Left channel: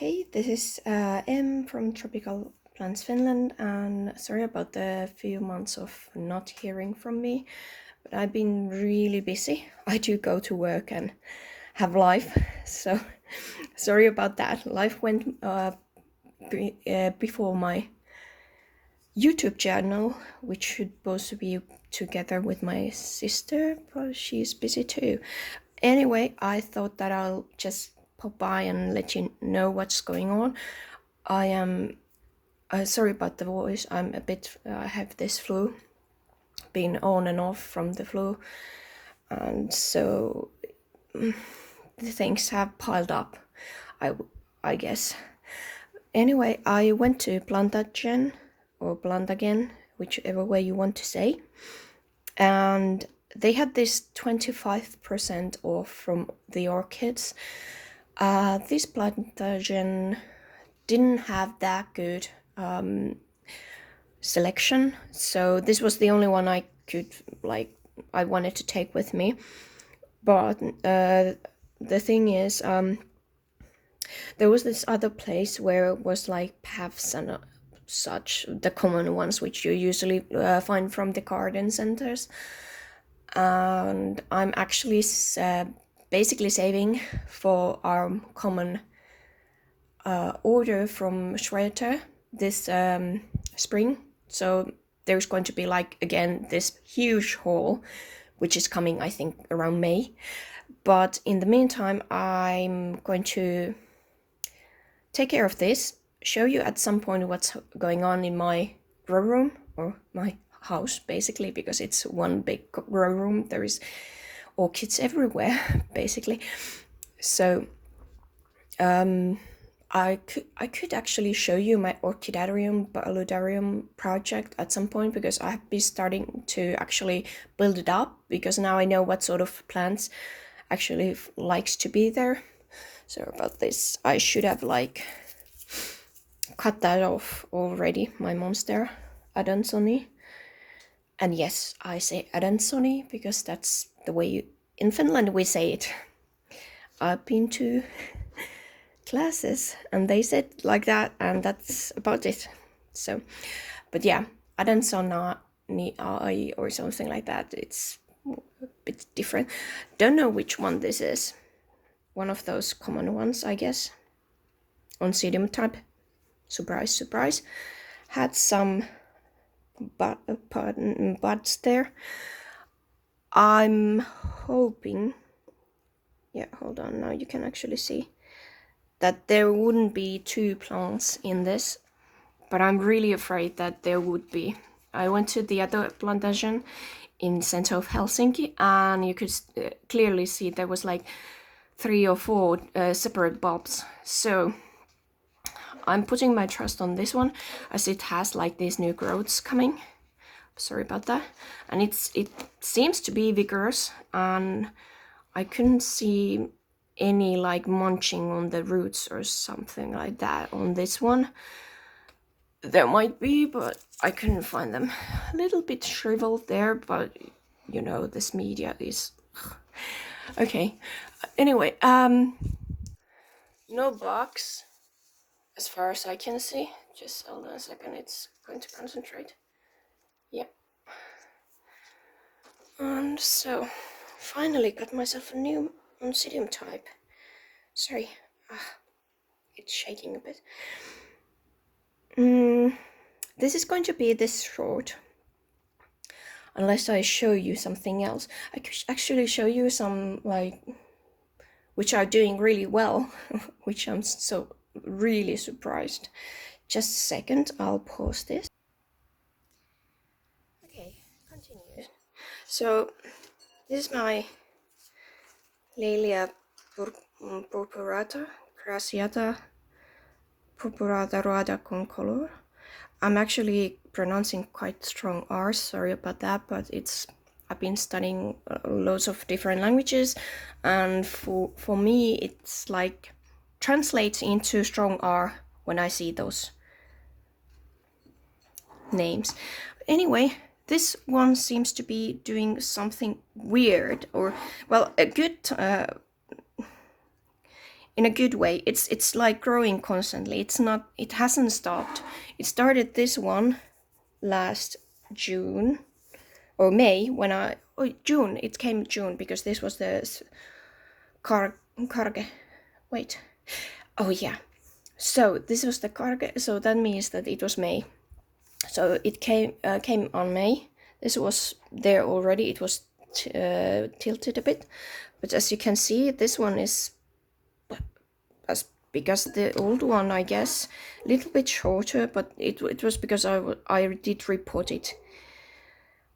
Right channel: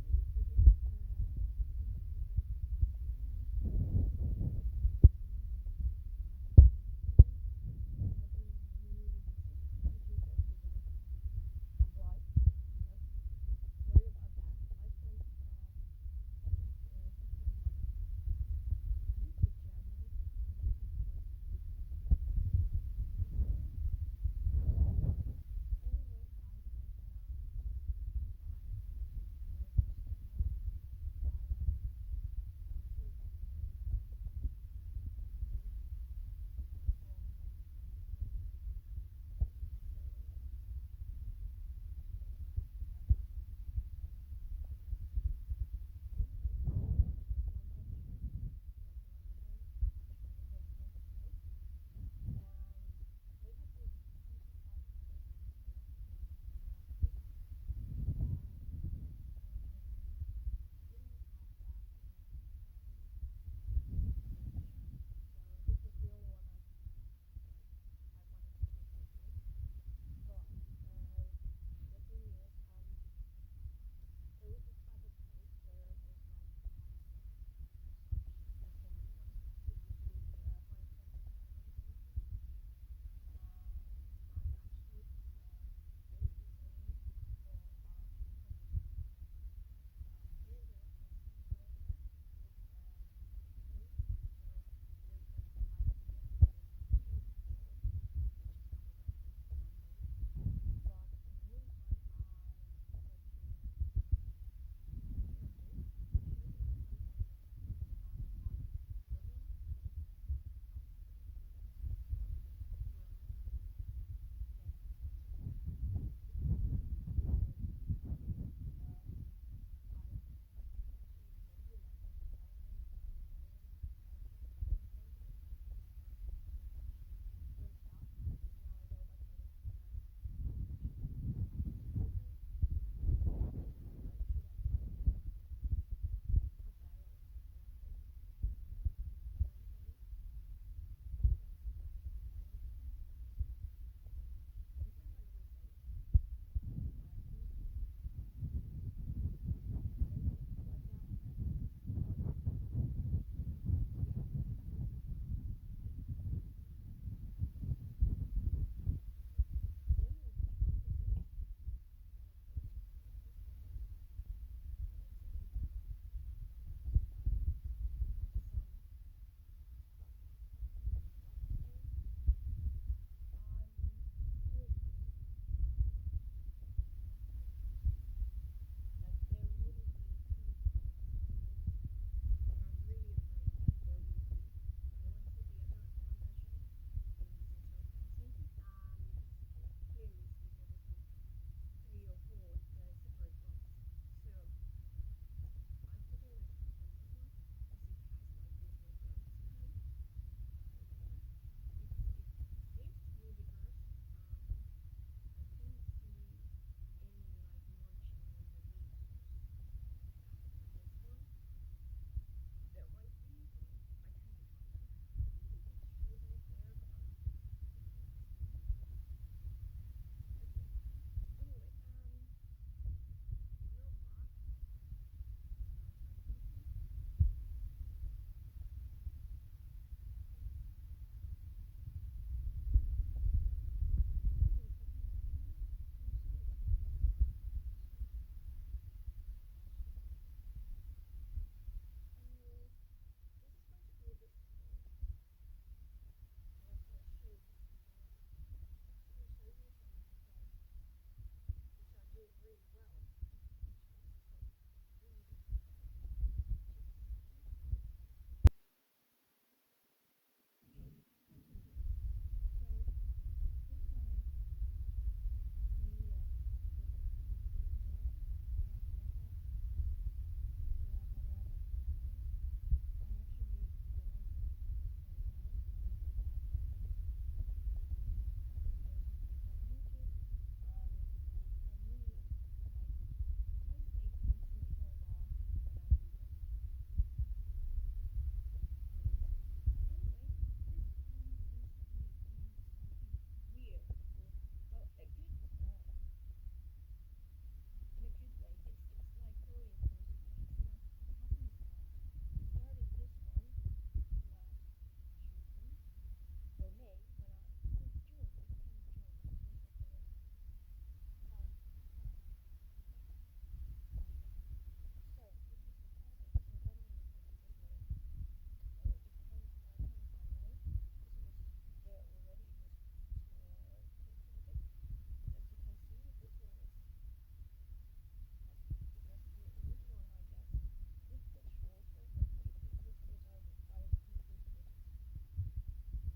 Okay, this is M from Tropical Plants Finland, and sorry about the few months of not hearing from me, but I've been really busy. I do go to work and have life, so sorry about that. Life went before my YouTube channel, which should supposed to be together with my sister, but she's busy too. Anyway, I thought that I'll just pop by and let you know what's going on. I am sorry about the voice. I'm a bit I have this flu, been on and off from the flu, and so the things have piled up, I guess. Anyway, I went to Plantagen or Plantagen, whichever way you want to say, and they had this 25% off from the orchids. This Plantagen didn't have that good selection, so this was the only one I could I wanted to take with me. But the thing is, there was this other place where it was like paths and such, the common ones which you usually find from the garden centers, and I'm actually basically saving for our common order from Schroeter this spring. So there's going to be again this huge haul, which is coming I think around May. But in the meantime, I'm going to take care of this, show you at some point what's going on in my grow room, or my house basically, because it's one big grow room. There is orchids everywhere basically. So I could actually show you my orchidarium paludarium project at some point, because I have been starting to actually build it up, because now I know what sort of plants actually likes to be there. So about this, I should have cut that off already, my monster Adansoni. And yes, I say Adansoni because that's the way in Finland we say it. I've been to classes and they said like that, and that's about it. So, but yeah, Adansona or something like that. It's a bit different. Don't know which one this is. One of those common ones, I guess. Oncidium type. Surprise, surprise. Had some buds there. I'm hoping, yeah, hold on, now you can actually see that there wouldn't be two plants in this, but I'm really afraid that there would be. I went to the other plantation in center of Helsinki, and you could clearly see there was 3 or 4 separate bulbs. So I'm putting my trust on this one, as it has these new growths coming. Sorry about that. And it seems to be vigorous, and I couldn't see any munching on the roots or something like that on this one. There might be, but I couldn't find them. A little bit shriveled there, but you know, this media is okay. Anyway, no bugs as far as I can see. Just hold on a second, it's going to concentrate. Yep. And so finally got myself a new Oncidium type. Sorry, it's shaking a bit. This is going to be this short, unless I show you something else. I could actually show you some which are doing really well, which I'm so really surprised. Just a second, I'll pause this. Okay, continue. So this is my Lelia purpurata, Graciata purpurata roada con color. I'm actually pronouncing quite strong R's, sorry about that, but I've been studying loads of different languages, and for me it's translates into strong R when I see those names. Anyway, this one seems to be doing something weird, or well, a good in a good way. It's like growing constantly. It hasn't stopped. It started this one last June or May when June. It came June because this was the karge. Wait. Oh yeah. So this was the karge. So that means that it was May. So it came on May. This was there already. It was tilted a bit, but as you can see, this one is as big as the old one, I guess. A little bit shorter, but it was because I did repot it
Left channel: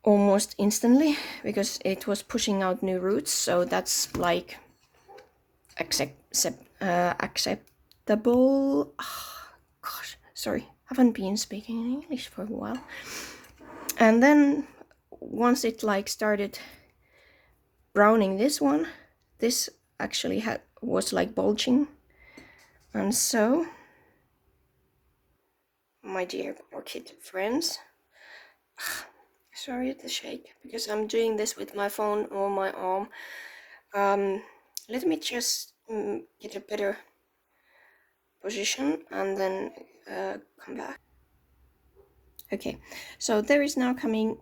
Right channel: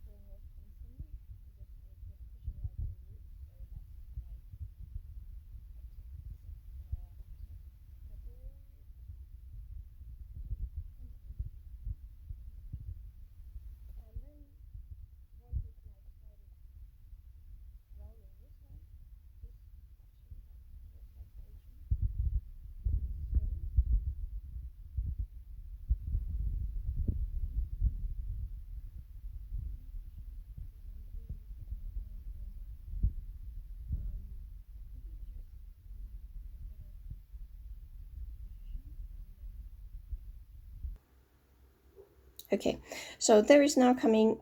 almost instantly because it was pushing out new roots. So that's like acceptable. Oh, gosh, sorry, haven't been speaking English for a while. And then once it like started browning this one, this actually was like bulging. And so, my dear orchid friends, sorry the shake because I'm doing this with my phone on my arm. Let me just get a better position and then come back. Okay, so there is now coming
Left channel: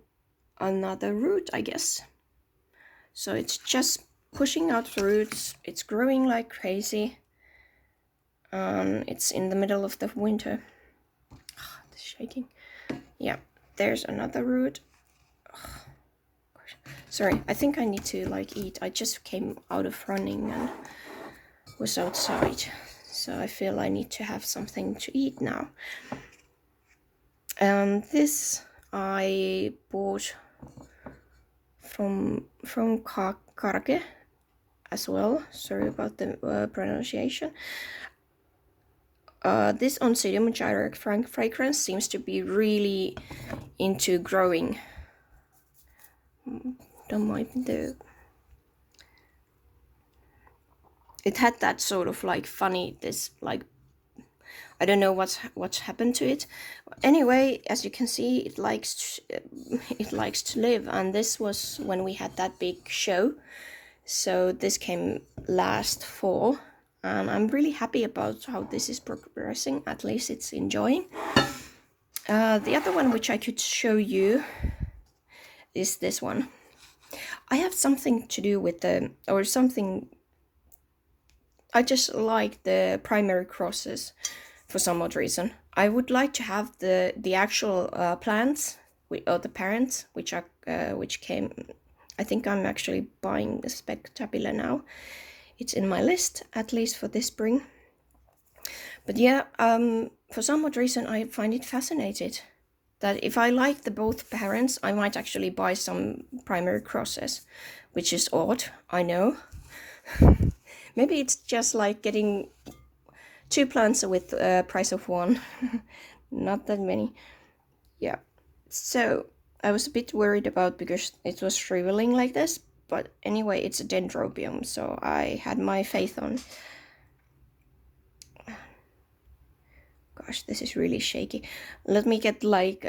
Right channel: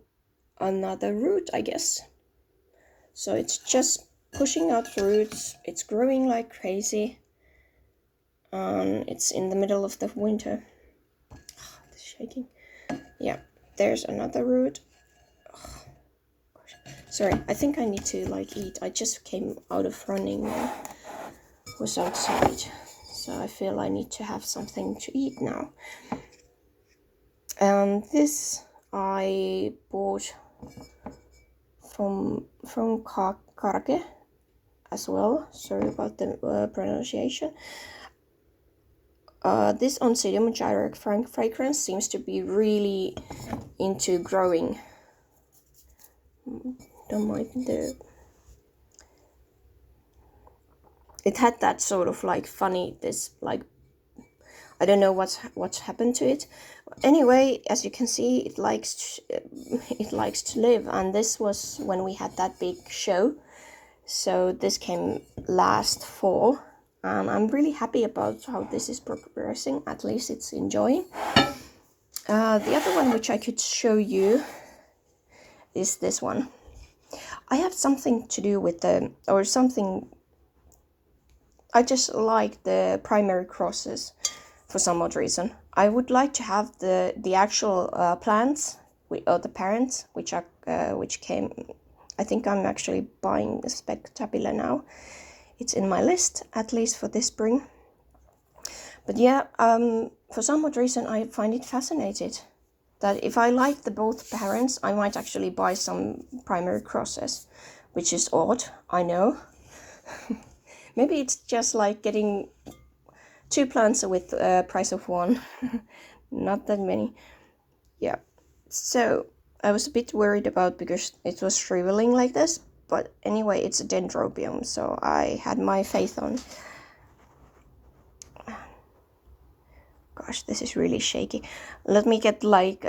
another root, I guess. So it's just pushing out roots. It's growing like crazy. It's in the middle of the winter. Oh, it's shaking. Yeah, there's another root. Oh, sorry, I think I need to like eat. I just came out of running and was outside, so I feel I need to have something to eat now. And this I bought from Karge as well. Sorry about the pronunciation. This Oncidium Gyric fragrance seems to be really into growing. Don't mind it had that sort of like funny, this like, I don't know what's happened to it. Anyway, as you can see, it likes to live, and this was when we had that big show. So this came last fall. I'm really happy about how this is progressing. At least it's enjoying. The other one which I could show you is this one. I have something to do with I just like the primary crosses for some odd reason. I would like to have the actual plants or the parents, which came. I think I'm actually buying the Spectabile now. It's in my list, at least for this spring. But yeah, for some odd reason, I find it fascinating that if I like the both parents, I might actually buy some primary crosses, which is odd, I know. Maybe it's just like getting 2 plants with price of 1. Not that many. Yeah. So I was a bit worried about because it was shriveling like this. But anyway, it's a dendrobium, so I had my faith on. Gosh, this is really shaky. Let me get like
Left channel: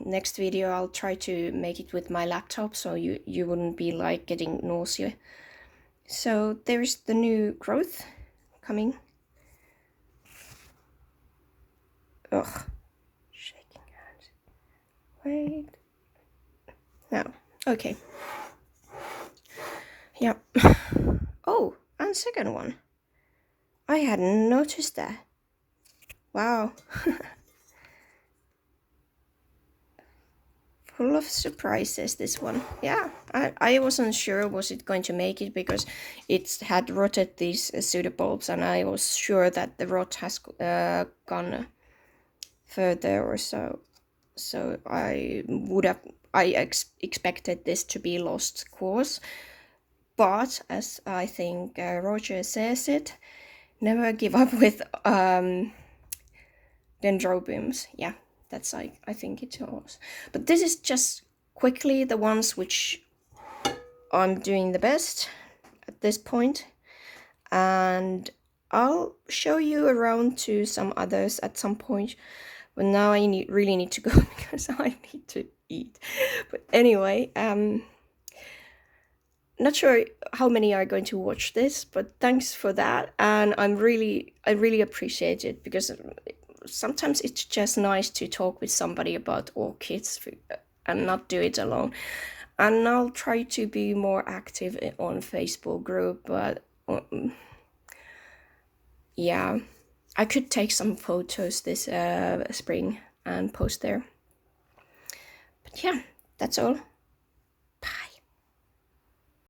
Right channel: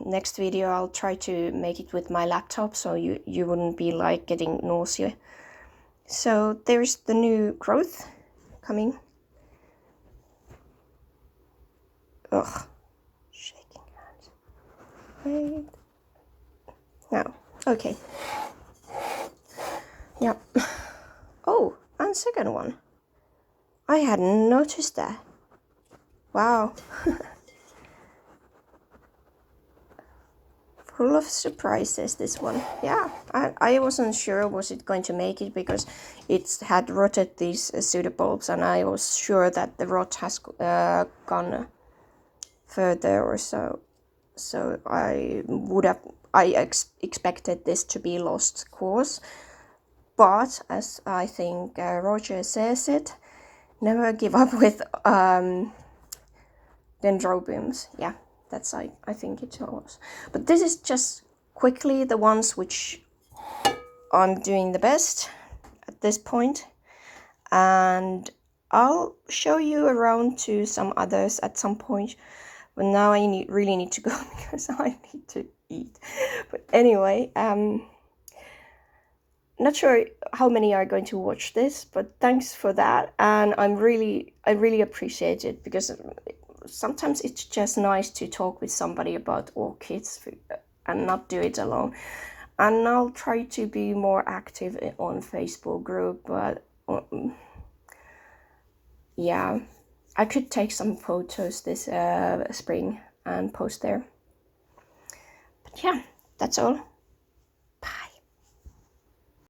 next video. I'll try to make it with my laptop, so you wouldn't be like getting nausea. So there's the new growth coming. Ugh, shaking hands. Wait. Now, okay. Yeah. Oh, and second one. I hadn't noticed that. Wow. Full of surprises, this one. Yeah, I wasn't sure was it going to make it because it had rotted these pseudobulbs, and I was sure that the rot has gone further or so. So I expected this to be lost course. But as I think Roger says it, never give up with dendrobiums. Yeah, that's I think it was. But this is just quickly the ones which I'm doing the best at this point. And I'll show you around to some others at some point. But now I really need to go because I need to eat. But anyway, not sure how many are going to watch this, but thanks for that. And I really appreciate it, because sometimes it's just nice to talk with somebody about orchids and not do it alone. And I'll try to be more active on Facebook group, but yeah, I could take some photos this spring and post there. But yeah, that's all.